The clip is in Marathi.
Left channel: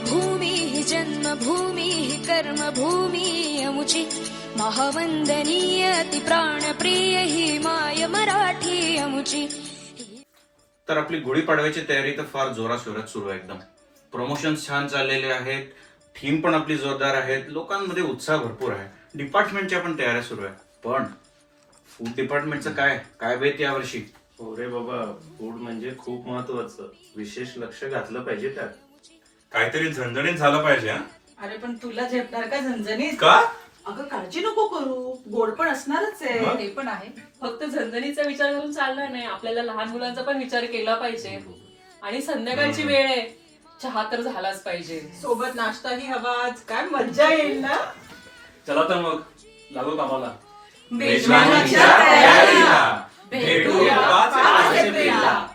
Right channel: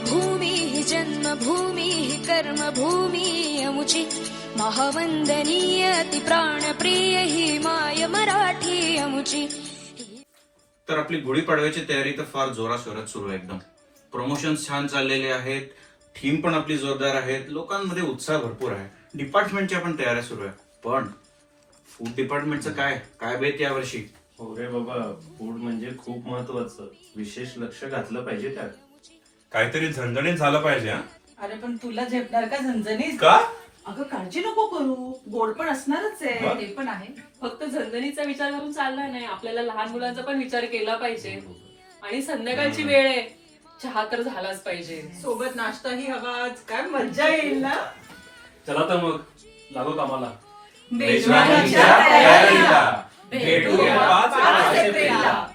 भूमी ही जन्मभूमी ही कर्मभूमी अमुची महावंदनीय अति प्राणप्रिय ही माय मराठी अमुची। तर आपली गुढीपाडव्याची तयारी तर फार जोराशोरात सुरू आहे एकदम. प्रमोशन्स छान चाललेले आहेत, थीम पण आपली जोरदार आहेत, लोकांमध्ये उत्साह भरपूर आहे, डिपार्टमेंटच्या पण तयाऱ्या सुरू आहे. पण फूड डिपार्टमेंटचं काय काय बेत यावर्षी? हो रे बाबा, फूड म्हणजे खूप महत्वाचं, विशेष लक्ष घातलं पाहिजे त्यात. काहीतरी झणझणीत झालं पाहिजे. हा अरे पण तुला झेपणार का झणझणीत? का? अगं काळजी नको करू, गोड पण असणारच आहे. ते पण आहे, फक्त झणझणीचा विचार करून चालणार नाही, आपल्याला लहान मुलांचा पण विचार केला पाहिजे. आणि संध्याकाळची वेळ आहे, चहा तर झालाच पाहिजे, सोबत नाश्ताही हवाच. काय मज्जा येईल ना. चला तर मग लागू कामाला. मेजवानीच्या तयारीला. भेटूया 5 एप्रिलला.